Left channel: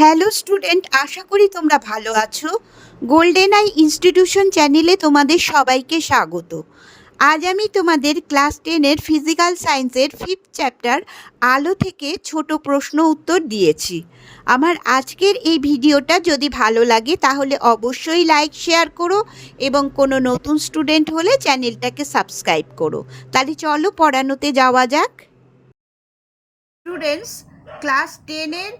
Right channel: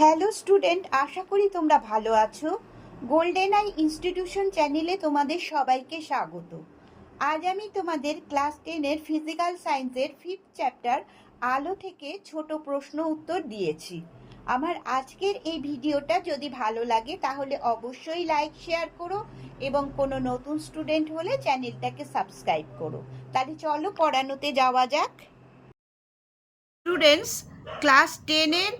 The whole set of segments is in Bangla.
হ্যালো স্টুডেন্ট, আশা করি তোমরা ভালো আছো। গোল্ডেন আই ইনস্টিটিউশন চ্যানেলে তোমাদের সবাইকে স্বাগত। আজ আমি তোমাদের ক্লাস 10-এর ফিজিক্যাল সায়েন্সের 5th চ্যাপ্টার আলো থেকে ছোট প্রশ্ন উত্তর দিয়েছি। আমার আজকের এই ভিডিওটা যদি ভালো লাগে তাহলে অবশ্যই লাইক শেয়ার করো এবং কোনো নতুন স্টুডেন্ট হলে চ্যানেলটাকে সাবস্ক্রাইব করো। তাহলে চলো পড়ানোতে যাওয়া যাক। স্টুডেন্টস, ক্লাস 10-এর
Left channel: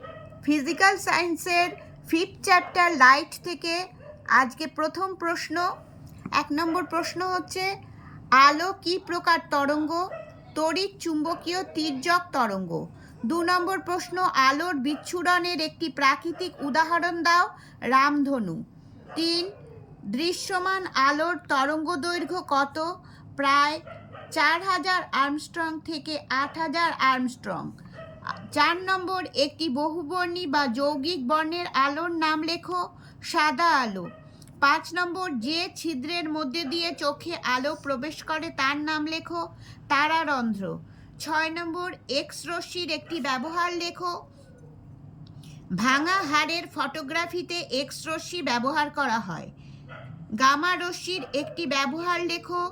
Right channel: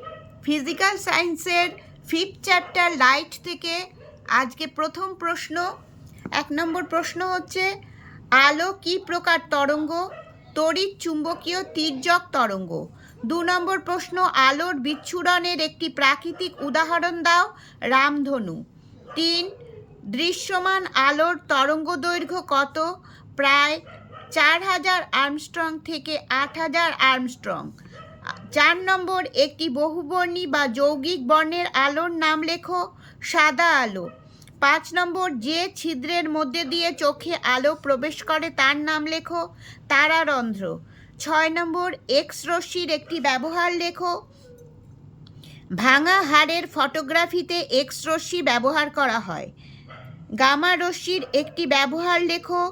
ফিজিক্যাল সায়েন্সের 5th চ্যাপ্টার লাইট থেকে আজকে প্রথম প্রশ্ন। 1 নম্বর প্রশ্ন হচ্ছে, আলো কি প্রকার তরঙ্গ? তড়িৎ চুম্বকীয় তির্যক তরঙ্গ। 2 নম্বর প্রশ্ন, আলোর বিচ্ছুরণের একটি প্রাকৃতিক উদাহরণ দাও। রামধনু। 3, দৃশ্যমান আলোর তরঙ্গ দৈর্ঘ্য কত? প্রায় 4000 আর্মস্ট্রং থেকে 8000 আর্মস্ট্রং। 4 নম্বর, একটি বহুবর্ণী বা যৌগিক বর্ণের আলোর নাম লেখো। সাদা আলো। 5 নম্বর, যে ছিদ্রের মধ্যে দিয়ে চোখে আলো প্রবেশ করে তার নাম লেখো। তারারন্ধ্র। 6 নম্বর, এক্স রশ্মির একটি ব্যবহার লেখো। ভাঙা হাড়ের ফটোগ্রাফিতে এক্স রশ্মি ব্যবহার করা হয়। গামা রশ্মির একটি ব্যবহার লেখো।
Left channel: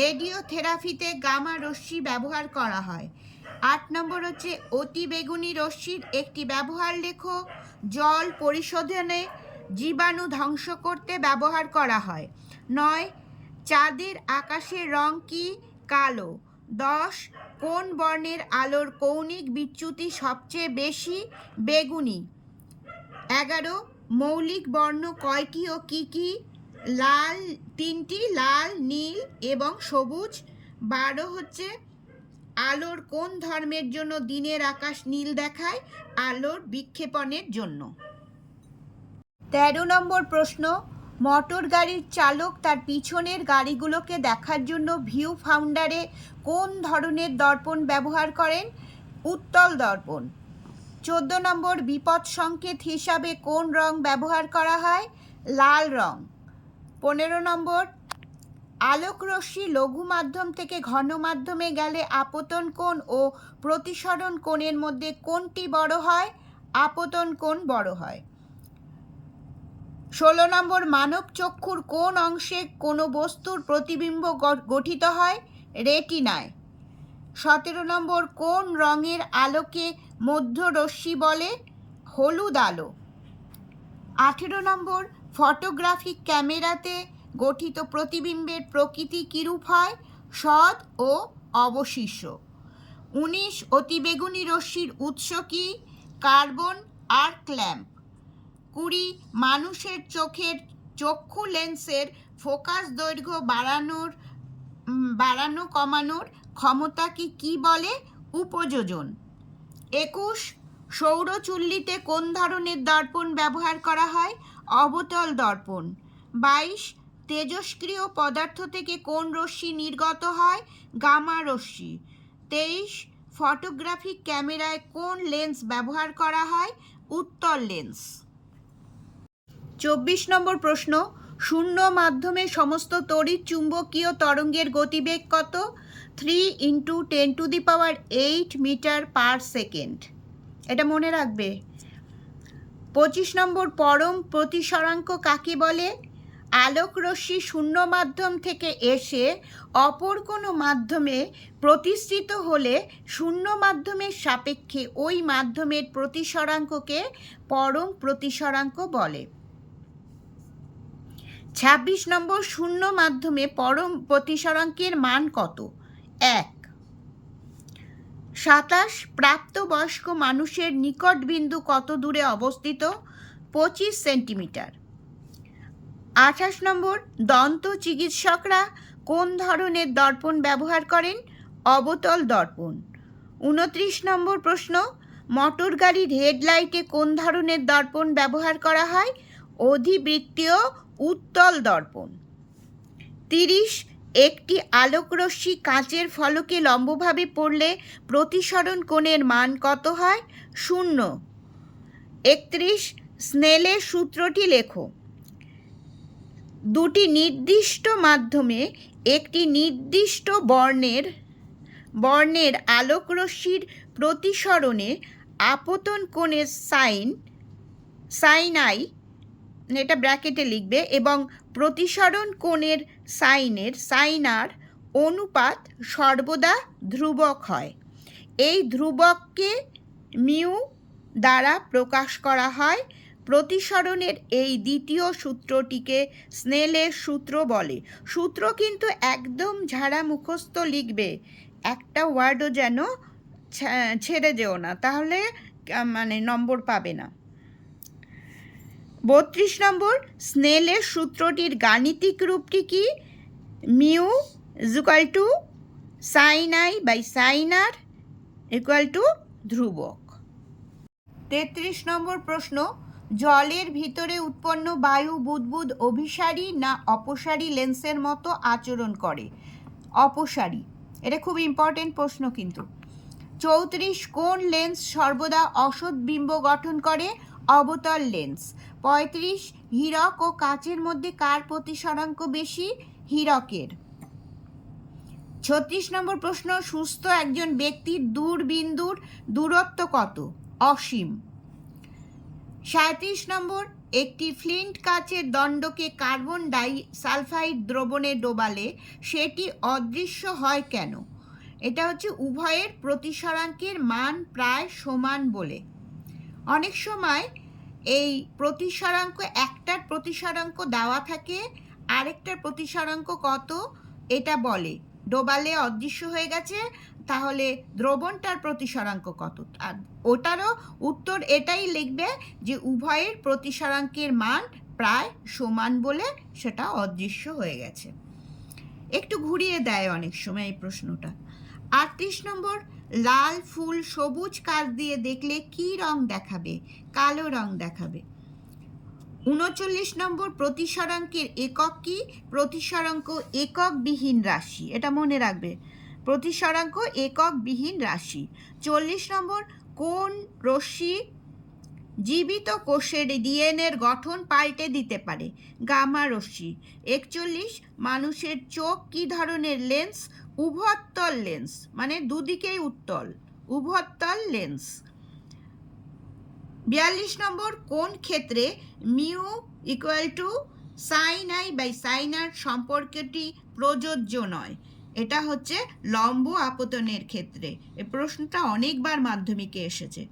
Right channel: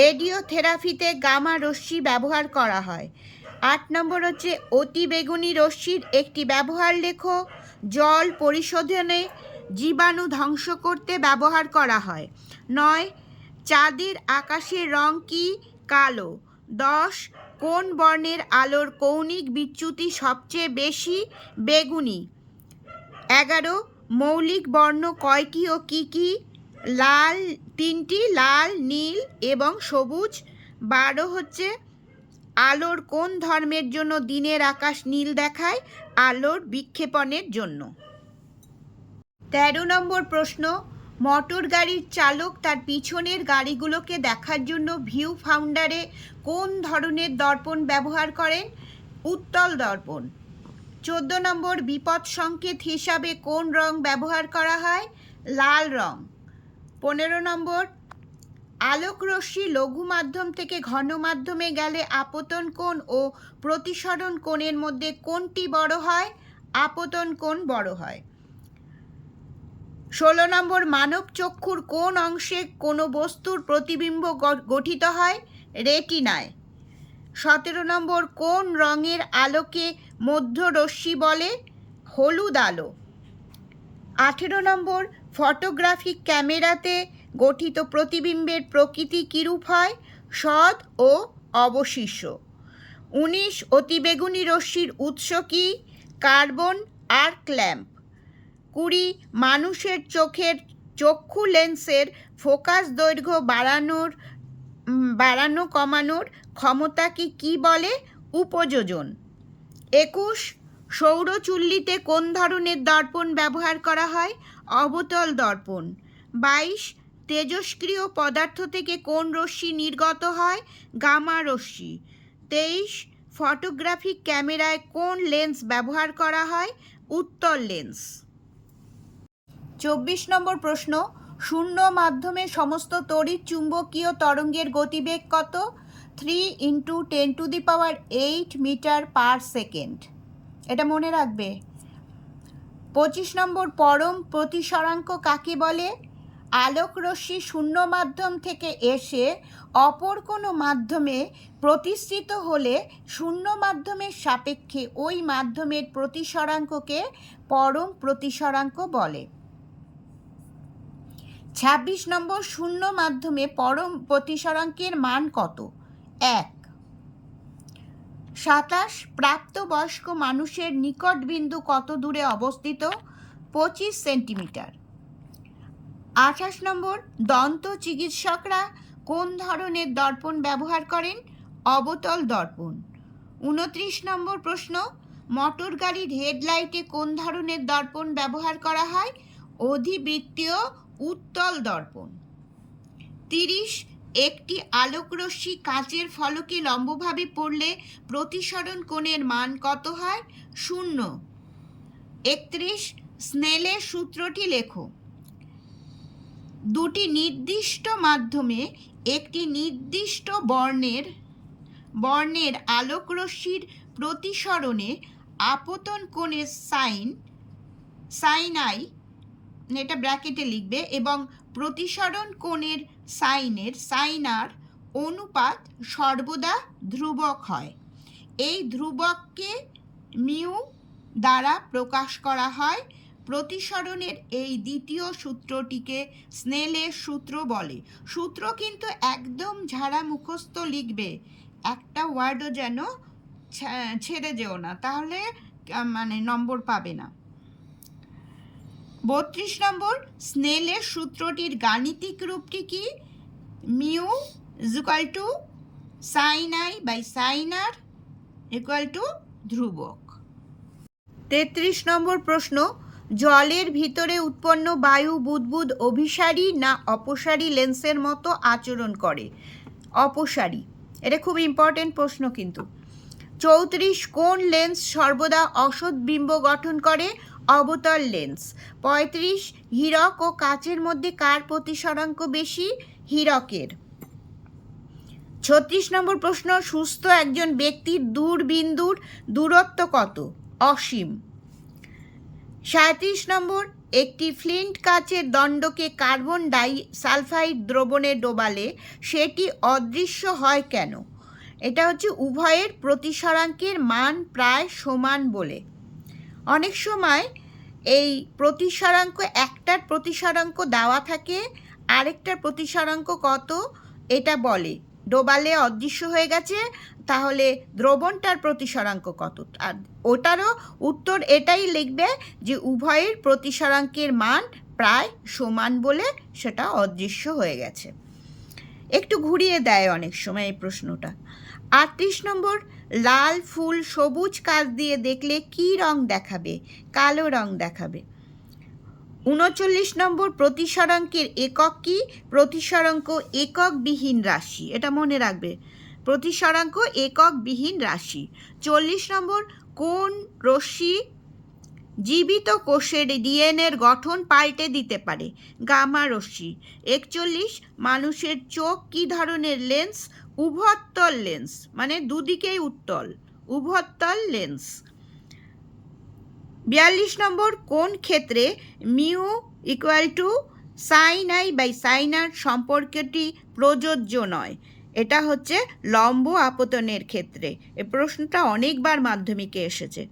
রেডিওথেরাপিতে গামা রশ্মি ব্যবহার করা হয়। 8 নম্বর হচ্ছে, অতি বেগুনি রশ্মির একটি ব্যবহার লেখো। জল পরিশোধনে জীবাণু ধ্বংস করতে ব্যবহার করা হয়। 9, চাঁদের আকাশের রং কি? কালো। 10, কোন বর্ণের আলোর কৌণিক বিচ্যুতি সবচেয়ে বেশি? বেগুনি। 11, মৌলিক বর্ণ কয়টি ও কি কি? লাল 3টি, লাল, নীল এবং সবুজ। 12 হচ্ছে, আলোর কোন ধর্মের জন্য দিনের আকাশ নীল দেখায়? আলোর বিক্ষেপণের জন্য। 13 নম্বর প্রশ্ন, মোটর গাড়ির চালক তার পিছনের গাড়িগুলোকে দেখার জন্য ভিউ ফাউন্ডারে কোন ধরনের দর্পণ ব্যবহার করেন? উত্তল দর্পণ। 14 নম্বর, বিপদ সংকেত হিসাবে কোন রং ব্যবহার করা হয়? লাল রং। 15 নম্বর, আলোক রশ্মি লঘু মাধ্যম থেকে ঘন মাধ্যমে গেলে আপতন কোণ ও প্রতিসরণ কোণের মধ্যে কোনটি বড় হয়? আপতন কোণ বড় হয়। 16 নম্বর, মানব চক্ষুর কোন অংশে কোনো বস্তুর প্রতিবিম্ব গঠিত হয়? রেটিনায়। 17 নম্বর, কোন রঙের আলোকে মধ্যরশ্মি বলে? হলুদ আলো। 18 নম্বর, ফটোগ্রাফিক ক্যামেরাতে গঠিত প্রতিবিম্বের প্রকৃতি কিরূপ হয়? সৎ ও অবশিষ্ট। 19, অতিবেগুনি রশ্মির উৎস কি? Carbon arc lamp. 20, মানুষের চক্ষু লেন্সের ফোকাস দৈর্ঘ্য বাড়ানো কমানোর ক্ষমতাকে কি বলে? উপযোজন। 21, সৌরচুল্লিতে কোন ধরনের দর্পণ ব্যবহার করা হয়? অবতল দর্পণ। 22, তেজস্ক্রিয় পদার্থ থেকে কোন রশ্মি নির্গত হয়? গামা রশ্মি। 23, ফটোগ্রাফিক ক্যামেরায় কোন লেন্স ব্যবহার করা হয়? উত্তল লেন্স। 24 নম্বর প্রশ্ন, শূন্য মাধ্যমে সমস্ত তড়িৎ চুম্বকীয় তরঙ্গের গতিবেগ কত? 3 × 10⁸ মিটার পার সেকেন্ড। এটা মনে রাখবে। 25 নম্বর, পরম প্রতিসরাঙ্ক কাকে বলে? আলোক রশ্মি শূন্য মাধ্যম থেকে এসে অপর কোনো মাধ্যমে প্রতিসৃত হলে শূন্য মাধ্যমের সাপেক্ষে ওই মাধ্যমের প্রতিসরাঙ্ককে পরম প্রতিসরাঙ্ক বলে। 26 নম্বর, শূন্য মাধ্যমে পরম প্রতিসরাঙ্কের মান কত? 1। 27, প্রাপ্তবয়স্ক মানুষের নিকট বিন্দু কত দূরে অবস্থিত? 25 সেন্টিমিটার। 28 নম্বর, দন্ত চিকিৎসকরা কোন ধরনের দর্পণ ব্যবহার করেন? অবতল দর্পণ। 29 নম্বর প্রশ্ন, মোটর গাড়ির হেডলাইটে কোন ধরনের দর্পণ ব্যবহার করা হয়? অধিবৃত্তীয় উত্তল দর্পণ। 30, একটি আলোকরশ্মি কাঁচের ফলকে লম্বভাবে পড়লে প্রতিসরণ কোণের মান কত হয়? 0। 31, স্নেলের সূত্রটি লেখো। দুটি নির্দিষ্ট মাধ্যমে একটি নির্দিষ্ট বর্ণের আলোকরশ্মির প্রতিসরণে আপতন কোণের সাইন সাইন আই, এটা ব্র্যাকেটে লিখবে, এবং প্রতিসরণ কোণের সাইনার অনুপাত সর্বদা ধ্রুবক হয়। এই ধ্রুবককে মিউ দ্বারা প্রকাশ করা হয়। প্রতিসরণের এই দ্বিতীয় সূত্রটিকে স্নেলের সূত্র বলে। সূত্র কিন্তু একদম ঝাড়া মুখস্থ লিখবে, একটা ওয়ার্ডও যেন ছেড়ে যেও না, তাহলে মানে নম্বর পাবে না। 32 নম্বর, স্নেলের সূত্রটির গাণিতিক রূপটি কি? Mu equal to sine i by sine r equal to ধ্রুবক। 33 নম্বর প্রশ্ন, জলের ভিতরে উৎপন্ন বায়ু বুদবুদ অভিসারী না অপসারী লেন্সের মতো আচরণ করে? অপসারী। এটা খুব ইম্পর্টেন্ট প্রশ্ন কিন্তু। 34, কোন লেন্স সর্বদা অসৎ বিম্ব গঠন করে? অবতল লেন্স। 35, হীরক ও কাচের মধ্যে কার প্রতিসরাঙ্ক বেশি? হীরকের। 36 নম্বর প্রশ্ন, সুস্থ একজন ব্যক্তির দূরবিন্দুর দূরত্ব কত? অসীম। 37 নম্বর, একটি ফ্লিন্ট কাচের দণ্ডকে কার্বন ডাই সালফাইড দ্রবণে ডোবালে সেটি অদৃশ্য হয় কেন? এটা হচ্ছে উভয়ের প্রতিসরাঙ্কের মান প্রায় সমান বলে। অনেক সময় এই প্রতিসরাঙ্ক, একটার প্রতিসরাঙ্ক দেওয়া থাকে, আরেকটার প্রতিসরাঙ্ক কত এটা বলে, ডোবালে অদৃশ্য হয়ে গেছে, তাহলে দ্রবণটার প্রতিসরাঙ্ক কত? আর ওটারও উত্তর এটাই লিখবে যে উভয়ের প্রতিসরাঙ্কের মান প্রায় সমান বলে সেটা অদৃশ্য হয়ে গেছে। একটু ঘুরিয়ে দেয় অনেক সময় এই প্রশ্নটা। 38 নম্বর, লাল ফুল সবুজ কাঁচ দিয়ে দেখলে কি রং দেখাবে? কালো রং দেখাবে। 39 নম্বর, প্রতিসরাঙ্কের একক কি? প্রতিসরাঙ্ক এককবিহীন রাশি, এটা মনে রাখবে, প্রতিসরাঙ্ক এককবিহীন রাশি। 40 নম্বর, কোন রশ্মি জীবিত কোষের ডিএনএর গঠন পাল্টে দিতে পারে? গামা রশ্মি। 41, মানুষের চোখ কি ধরনের লেন্স? উভত্তল লেন্স, মানে দুদিকেই উত্তল, উভত্তল লেন্স। 42 নম্বর, কোন ক্ষেত্রে mu equal to sine i by sine r সম্পর্কটি প্রযোজ্য নয়? এটা হচ্ছে লম্ব আপতনের ক্ষেত্রে। এই প্রশ্নটা অনেকবার মাধ্যমিকে এসেছে।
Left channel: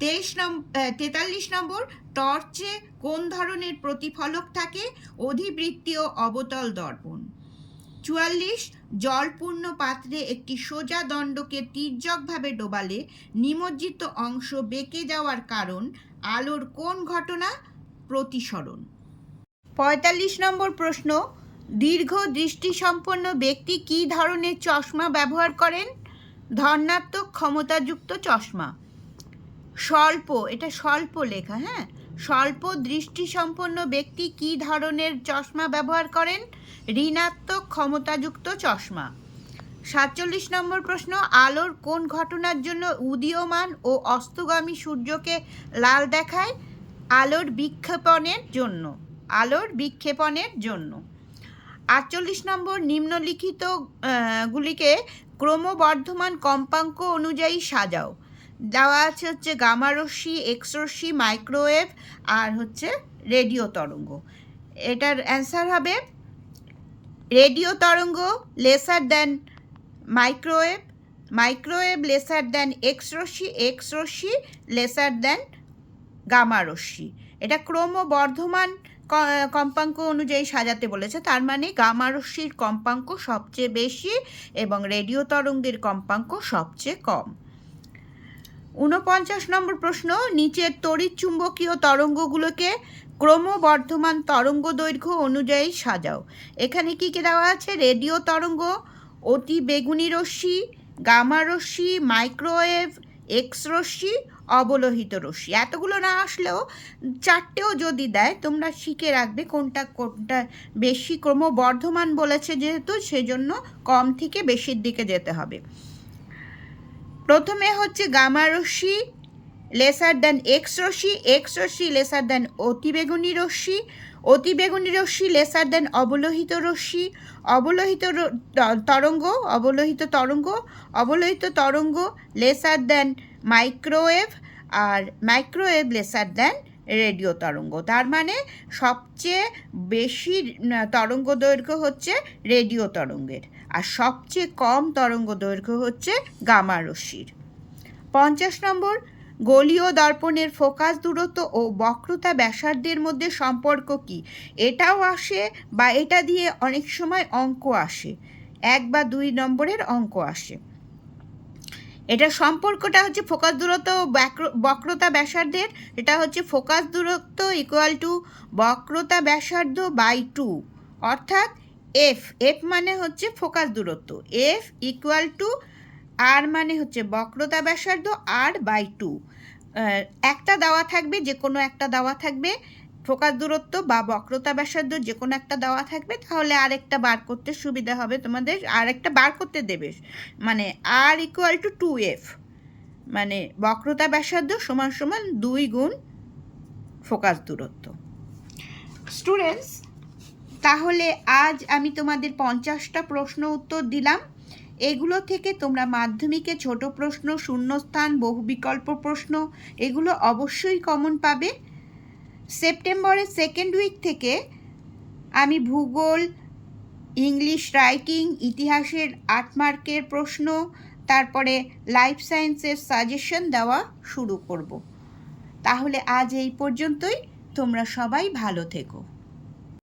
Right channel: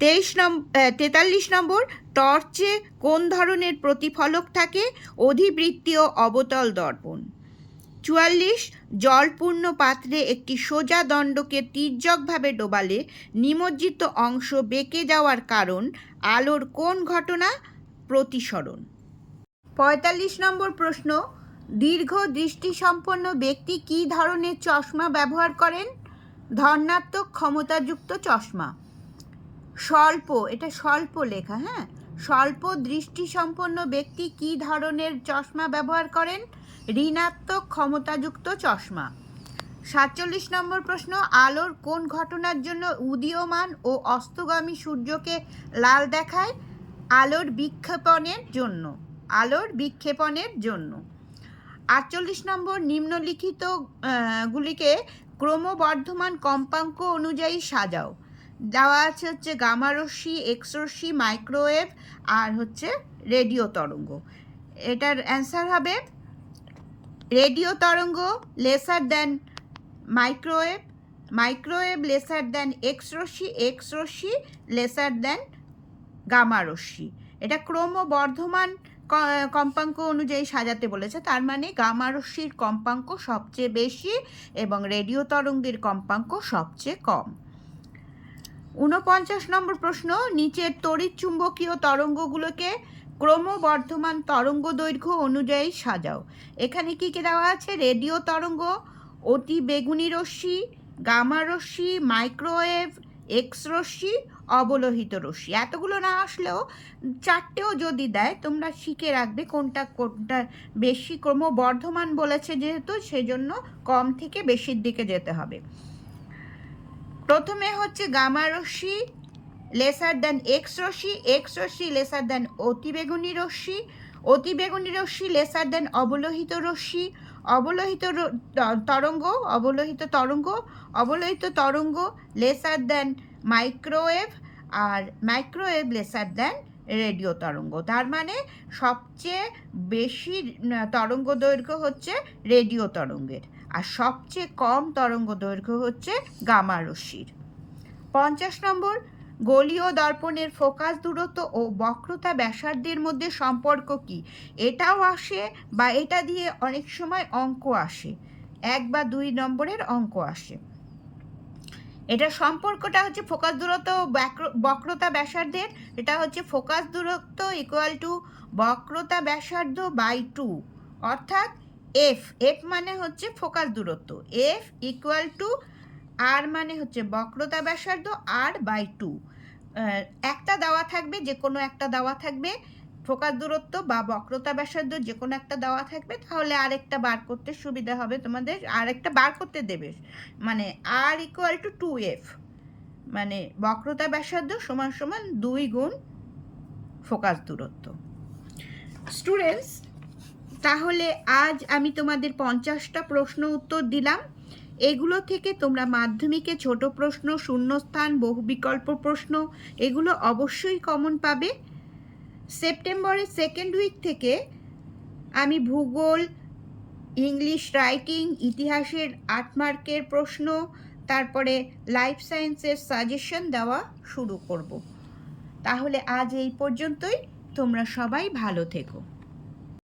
43 নম্বর, টর্চে কোন ধরনের প্রতিফলক থাকে? অধিবৃত্তীয় অবতল দর্পণ। 44, জলপূর্ণ পাত্রে একটি সোজা দণ্ডকে তির্যকভাবে ডোবালে নিমজ্জিত অংশ বেঁকে যাওয়ার কারণ আলোর কোন ঘটনা? প্রতিসরণ। 45 নম্বর প্রশ্ন, দীর্ঘ দৃষ্টিসম্পন্ন ব্যক্তি কি ধরনের চশমা ব্যবহার করেন? ধনাত্মক ক্ষমতাযুক্ত চশমা। স্বল্প, এটা স্বল্প লেখা, হ্যাঁ, স্বল্প দৃষ্টিসম্পন্ন ব্যক্তি কি ধরনের চশমা ব্যবহার করেন? ঋণাত্মক ক্ষমতাযুক্ত চশমা। 47 নম্বর প্রশ্ন, আলোর কোন ঘটনার জন্য উদীয়মান ও অস্তগামী সূর্যকে লাল দেখায়? আলোর বিক্ষেপণের জন্য, আলোর বিক্ষেপণের জন্য। 48 নম্বর, নিম্নলিখিত গুলিকে ক্রমবর্ধমান কম্পাঙ্ক অনুযায়ী সাজাও। দেওয়া আছে হচ্ছে গামা রশ্মি, এক্স রশ্মি, মাইক্রোওয়েভ আর হচ্ছে রেডিও তরঙ্গ। এটার অ্যান্সার হবে রেডিও তরঙ্গ lesser than microwave, microwave lesser than X রশ্মি, এক্স রশ্মি লেসার দেন গামা রশ্মি। এটা ক্রমবর্ধমান কম্পাঙ্ক অনুযায়ী সাজাতে বলেছে, তার মানে গামা রশ্মির কম্পাঙ্ক সবচেয়ে বেশি এবং রেডিও তরঙ্গের কম্পাঙ্ক সবচেয়ে কম। 49 নম্বর প্রশ্ন, নিচের তড়িৎচুম্বকীয় তরঙ্গগুলোকে ক্রমবর্ধমান তরঙ্গ দৈর্ঘ্য অনুযায়ী সাজাও। এখানে কি কি দেওয়া আছে? রেডিও তরঙ্গ, অতি বেগুনি রশ্মি, গামা রশ্মি, মাইক্রোওয়েভ, এক্স রশ্মি, অবলোহিত রশ্মি। এতগুলো না আসলেও চারটেও যদি দেয় তোমরা শিখে রাখবে কোনটা কোনটা বেশি। ক্রমবর্ধমান বলেছে যেহেতু, সেজন্য কম থেকে বেশির দিকে যেতে হবে। প্রথমে হচ্ছে গামা রশ্মি লেসার দেন এক্স রশ্মি, এক্স রশ্মি লেসার দেন অতিবেগুনি রশ্মি, অতিবেগুনি রশ্মি লেসার দেন অবলোহিত রশ্মি, অবলোহিত তরঙ্গ, অবলোহিত তরঙ্গ, অবলোহিত তরঙ্গ লেসার দেন মাইক্রোওয়েভ, আর মাইক্রোওয়েভ লেসার দেন রেডিও তরঙ্গ। তার মানে সবচেয়ে বেশি তরঙ্গ দৈর্ঘ্য হচ্ছে রেডিও তরঙ্গের, আর সবচেয়ে কম তরঙ্গ দৈর্ঘ্য হচ্ছে গামা রশ্মির। 50 নম্বর, গোলীয় দর্পণের ফোকাস দূরত্ব ও বক্রতা ব্যাসার্ধের মধ্যে সম্পর্ক কি? এটাও আসে বা এটা দিয়ে অনেক সময় অঙ্ক আসে, 1 বা 2 নম্বরের অঙ্ক আসে। এটা সম্পর্কটা হচ্ছে ফোকাস দূরত্ব বক্রতা ব্যাসার্ধের, এটা হচ্ছে ফোকাস দূরত্ব ইকুয়াল টু বক্রতা ব্যাসার্ধ বাই 2, অর্থাৎ এফ মানে হচ্ছে ফোকাস দূরত্ব, এফ ইকুয়াল টু আর মানে হচ্ছে বক্রতা ব্যাসার্ধ আর বাই 2। একটা দেওয়া থাকবে, যে কোনো একটা দেওয়া থাকবে, ফোকাস দূরত্ব বা বক্রতা ব্যাসার্ধ যে কোনো একটা দেওয়া থাকবে, তাহলে আরেকটা বার করতে সুবিধা হবে তোমাদের, আরেকটা বার করতে দেবে। মানে আর ইকুয়াল টু 2f, মানে বক্রতা ব্যাসার্ধ সমান সমান 2 গুণ ফোকাস দূরত্ব। স্টুডেন্টস, তাহলে আজ আমি তোমাদের 50টা প্রশ্ন উত্তর দিলাম। এগুলো থেকে তোমরা মাধ্যমিকে ছোট প্রশ্ন, শূন্যস্থান, বহু বিকল্প প্রশ্ন এগুলো অবশ্যই কমন পাবে। সেপ্টেম্বরের 2nd উইক থেকে আমি ভূগোল, ইংলিশ রাইটিং, ইতিহাসের 8 মার্কের প্রশ্ন, তারপরে লাইফ সায়েন্সের সাজেশন দেওয়া শুরু করব। তাহলে আজ এই পর্যন্তই, তোমরা সবাই ভালো থেকো।